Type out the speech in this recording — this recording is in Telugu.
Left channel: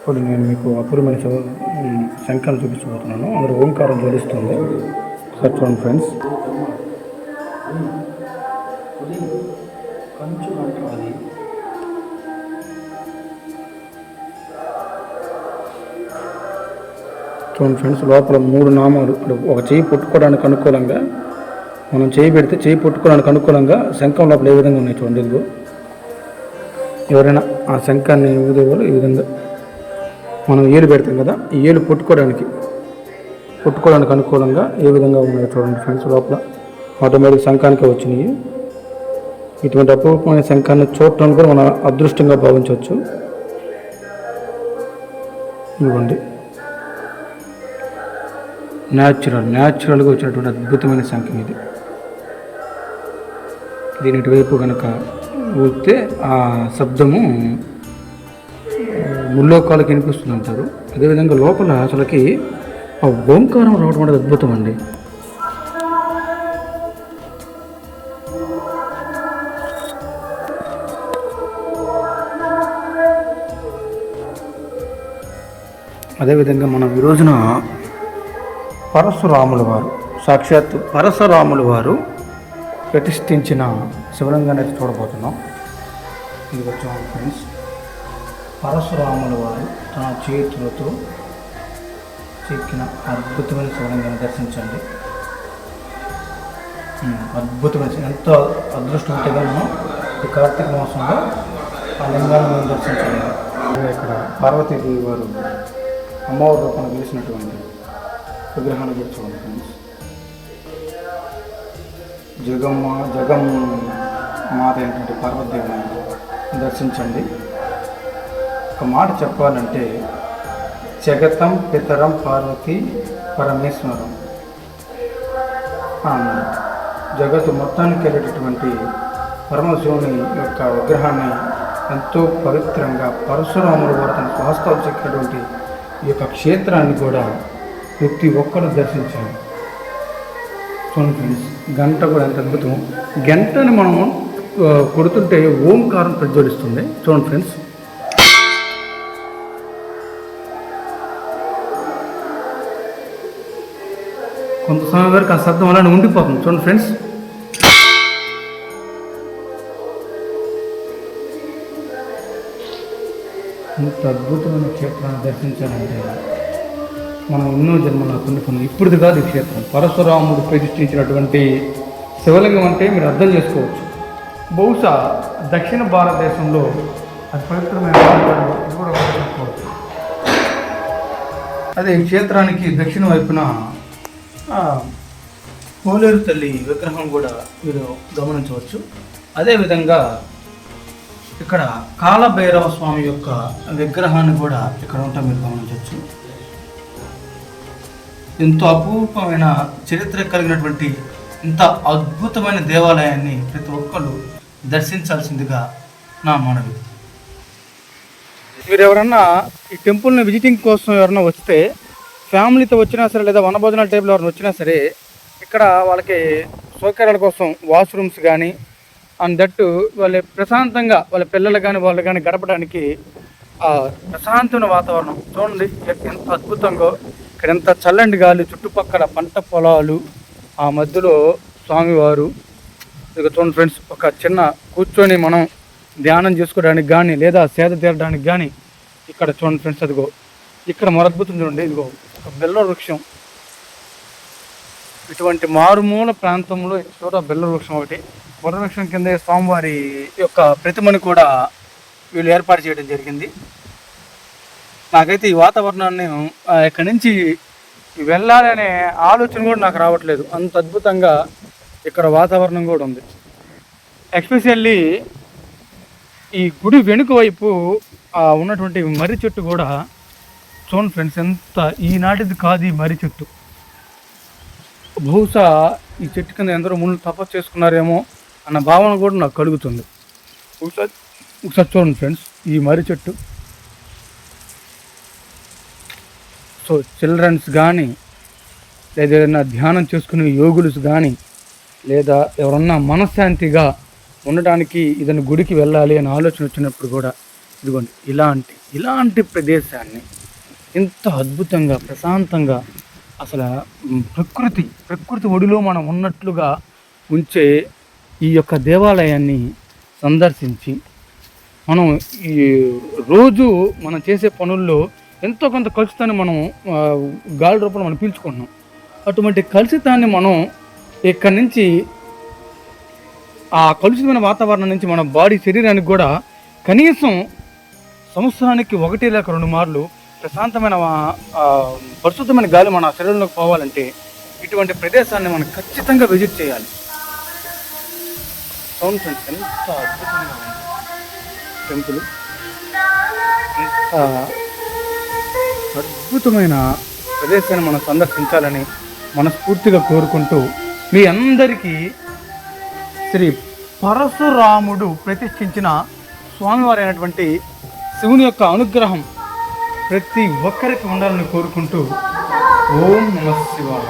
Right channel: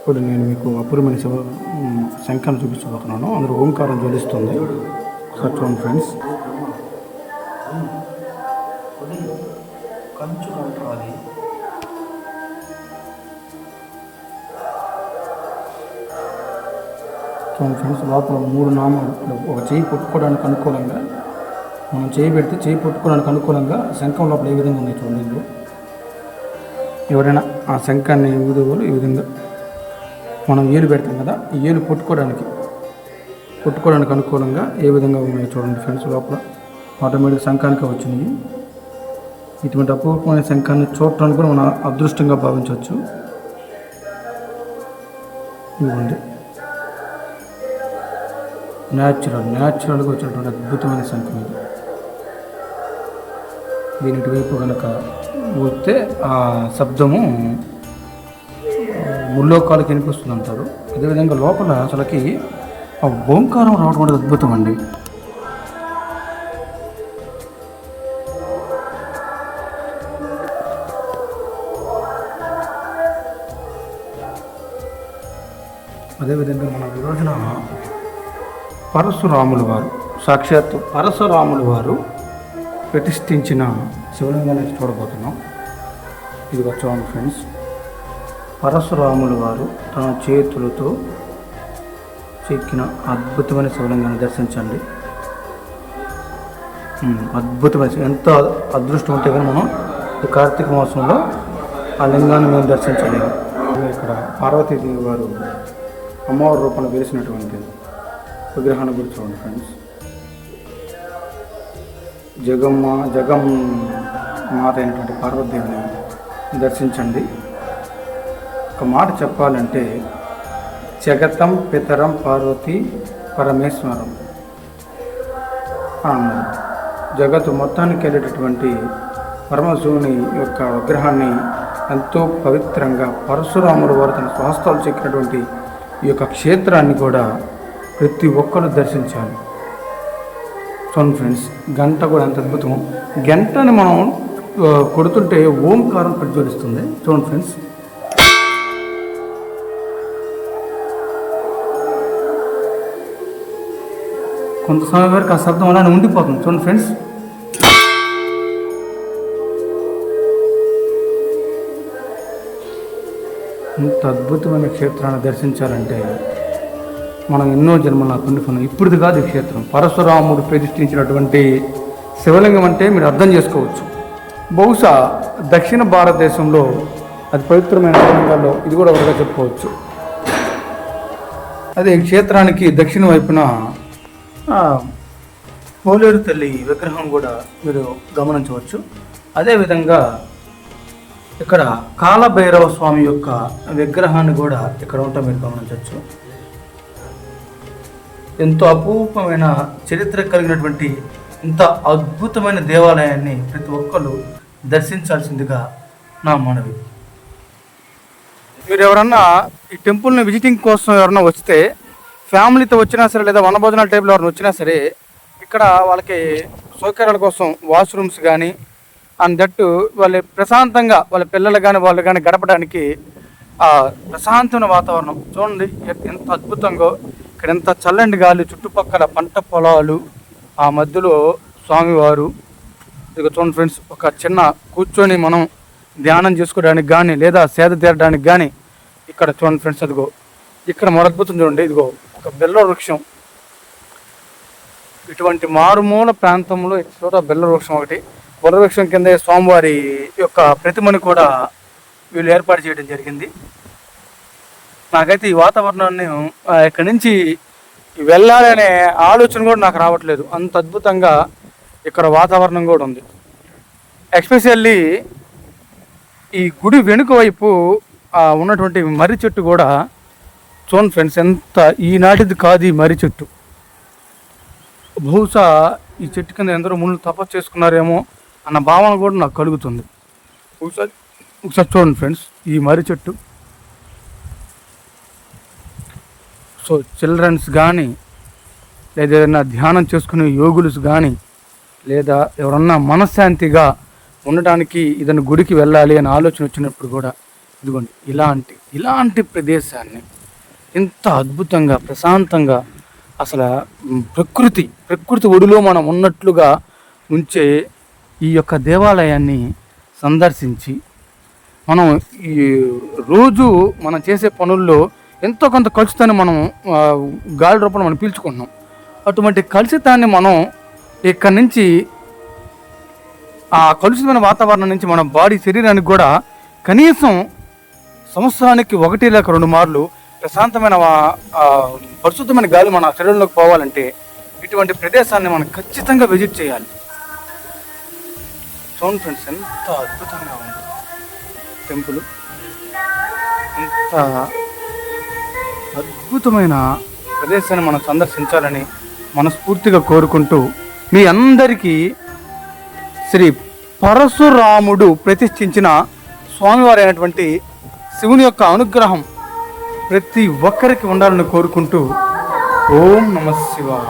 ఇప్పుడు నేను మీకు అపూర్వమైన శంఖాన్ని చూపించబోతున్నాను. అందులో ఓంకారం జ్వలిస్తుంది. చూడండి ఫ్రెండ్స్. చూడండి ఫ్రెండ్స్, లోపల 3 నామాలు. ఒక చెయ్యి పుట్టుకోవడానికి అనుకూలంగా మనం చేయి పెడితే చేయి పుట్టుకోవడానికి అనుకూలంగా శంఖం లోపల ఏ విధంగా ఉన్నాయి చూడండి. ఇదిగో ఎవరైనా ఆ శంఖాన్ని ఊదే వాళ్ళు ఈ విధంగా మనం ఏలు పెడతాం కదా, ఈ ఏలు పుట్టుకోవడానికి అనుకూలంగా ఏ విధంగా ఉన్నాయో చూడండి ఫ్రెండ్స్. లోపల ఆటోమేటిక్ శంఖానికే వచ్చినాయి. ఇటువంటి అపూర్వమైన శంఖాన్ని చూడటానికి కూడా మనం అదృష్టంగా భావించవచ్చు. ఇదిగోండి, న్యాచురల్గా వచ్చినటువంటి అద్భుతమైన శంఖం ఇది. దీని ఇటువైపు కనుక ఊస్తే ఆ శబ్దము ముల్లోకాలకు వినిపిస్తుంది అంటారు. అదేవిధంగా లోపల అసలుకి ఆ ఓంకారం రావడం అనేది అద్భుతం అండి. అదేవిధంగా మనం ఈ రోజున పరశురాముల వారు, సాక్షాత్ పరశురాముల వారు ప్రతిష్ఠించిన శివలింగాన్ని చూడబోతున్నాం. ఇది చూడండి ఫ్రెండ్స్, పరశురాముల వారు తన చేతులతో చెక్కిన అద్భుతమైన శివలింగాన్ని దర్శించండి. అద్భుతమైన, ఎంత అదృష్టం ఉంటే కానీ మనం ఈ కార్తీక మాసంలో ఆ లింగాన్ని మేము దర్శించలేము. ఇక్కడ పార్వతీదేవి వారు అమ్మవారి రూపంలో గెలిచినటువంటి విగ్రహాన్ని గురించి చూడండి ఫ్రెండ్స్. జగం మాత అయినటువంటి పార్వతీదేవిని దర్శించండి. ఒక మాట చెప్పాలంటే, జగతం పితరం పార్వతి పరమేశ్వరం. జగత్తు మొత్తానికి వెళ్ళేటటువంటి పరమశివుని యొక్క విగ్రహాన్ని ఎంతో పవిత్రంగా పరశురాముల వారు తన స్వహస్తాలు చెక్కినటువంటి ఈ యొక్క క్షేత్రాన్ని కూడా ప్రతి ఒక్కరు దర్శించాలి. చూడండి ఫ్రెండ్స్, గంట కూడా ఎంత అద్భుతం. గంటని మనం కొడుతుంటే ఓంకారం ప్రజ్వలిస్తుంది. చూడండి ఫ్రెండ్స్, కొంత సమయం వరకు ఆ శబ్దం అలానే ఉండిపోతుంది. చూడండి ఫ్రెండ్స్, ఇంత అద్భుతమైన క్షేత్రాన్ని దర్శించాలంటే మనం ఎన్నో జన్మల పొందుకున్నాం. ఇప్పుడుది కాదు ఈ క్షేత్రం. పరశురాముడు ప్రతిష్ఠించినటువంటి శివలింగం అంటే మీరు అర్థం చేసుకోవచ్చు. బహుశా దక్షిణ భారతదేశంలో అది పవిత్రమైన లింగాల్లో ఇది కూడా ఒకటిగా చెప్పుకోవచ్చు. అదే ఈ క్షేత్రానికి దక్షిణ వైపున పోలేరు తల్లి విగ్రహం కూడా మీరు గమనించవచ్చు. అదేవిధంగా ఇక్కడ కాలభైరవ స్వామి యొక్క విగ్రహాన్ని కూడా ఇక్కడ ఉంటా మీరు గమనించవచ్చు. ఎంతో అపూర్వమైన చరిత్ర కలిగినటువంటి ఇంత అద్భుతమైన దేవాలయాన్ని ప్రతి ఒక్కరు దర్శించాల్సిందిగా నా మనవి. మీరు ఎవరన్నా ఈ టెంపుల్ని విజిటింగ్ కోసం ఎవరన్నా వస్తే, ఫ్యామిలీతో వచ్చినా సరే లేదా వనభోజనాల టైప్లో ఎవరైనా వచ్చినా సరే, ఇక్కడ వాళ్ళకి సౌకర్యాల కోసం వాష్రూమ్స్ కానీ అండ్ దట్టు వాళ్ళు ప్రశాంతంగా వాళ్ళ పిల్లలు కానీ వాళ్ళు కానీ గడపడానికి ప్రశాంతమైన వాతావరణం చూడండి ఎంత అద్భుతంగా. ఇక్కడ ఎంత చల్లండి గాలి, చుట్టుపక్కల పంట పొలాలు, ఆ మధ్యలో స్వామివారు. ఇక చూడండి ఫ్రెండ్స్, ఒక చిన్న కూర్చొని మనం ధ్యానం చేసుకోవడానికి కానీ లేదా సేద తీరడానికి కానీ ఇక్కడ చూడండి ఫ్రెండ్స్. అదిగో ఇక్కడ మరద్భుతం చూడండి. ఇదిగో ఒక బెల్ల వృక్షం. ఇటువంటి మారుమూల ప్రాంతంలో చోట బెల్ల వృక్షం ఒకటి. బెల్ల వృక్షం కింద స్వామివారి యొక్క ప్రతిమను కూడా వీళ్ళు ఏర్పాటు చేయడం జరిగింది. నాకైతే ఈ వాతావరణాన్ని ఇక్కడి నుంచి వెళ్ళాలి అనే ఆలోచన కూడా నాకు రావట్లేదు. అంత అద్భుతంగా ఇక్కడ వాతావరణం కూడా ఉంది. ఎస్పెషల్లీ ఈ గుడి వెనుక వైపు ఉన్నటువంటి మర్రి చెట్టు కూడా చూడండి ఫ్రెండ్స్, ఎంత ఈనాటిది కాదు ఈ మర్రి చెట్టు. బహుశా ఈ చెట్టు కింద ఎందరో ముళ్ళు తపస్సు చేసుకున్నారేమో అన్న భావన కూడా నాకు కలుగుతుంది. ఒకసారి చూడండి ఫ్రెండ్స్, ఈ మర్రి చెట్టు. సో చిల్డ్రన్స్ కానీ లేదా ఏదైనా ధ్యానం చేసుకునే యోగులు కానీ లేదా ఎవరన్నా మనశ్శాంతిగా ఉండటానికి ఏదైనా గుడికి వెళ్ళాలి అనే ఆలోచన వచ్చినప్పుడు కూడా ఇదిగోండి ఇలాంటి ప్రదేశాన్ని ఎంత అద్భుతంగా ప్రశాంతంగా అసలు ప్రకృతి ఒడిలో మనం ఉన్నట్లుగా ఉంచే ఈ యొక్క దేవాలయాన్ని సందర్శించి మనం ఈ రోజు మనం చేసే పనుల్లో ఎంతో కొంత కలుషితాన్ని మనం గాలి రూపంలో మనం పీల్చుకుంటున్నాం. అటువంటి కలుషితాన్ని మనం ఇక్కడి నుంచి ఆ కలుషితమైన వాతావరణం నుంచి మన శరీరానికి కూడా కనీసం సంవత్సరానికి 1 లేక 2 మార్లు ప్రశాంతమైన పరిశుద్ధమైన గాలి మన శరీరంలోకి పోవాలంటే ఇటువంటి ప్రదేశాన్ని మనం ఖచ్చితంగా విజిట్ చేయాలి. చూడండి ఫ్రెండ్స్, ఎంత అద్భుతంగా ఉంది టెంపుల్. ఇంత అద్భుతమైన ప్రదేశాన్ని మనం సందర్శించాలని మనస్ఫూర్తిగా కోరుకుంటూ మీ అందరికీ శ్రీ పరశురాముడు ప్రతిష్ఠించిన స్వామివారి అయినటువంటి శివుని యొక్క అనుగ్రహం ప్రతి ఒక్కరికి ఉండాలని కోరుకుంటూ ఓం నమః శివాయ.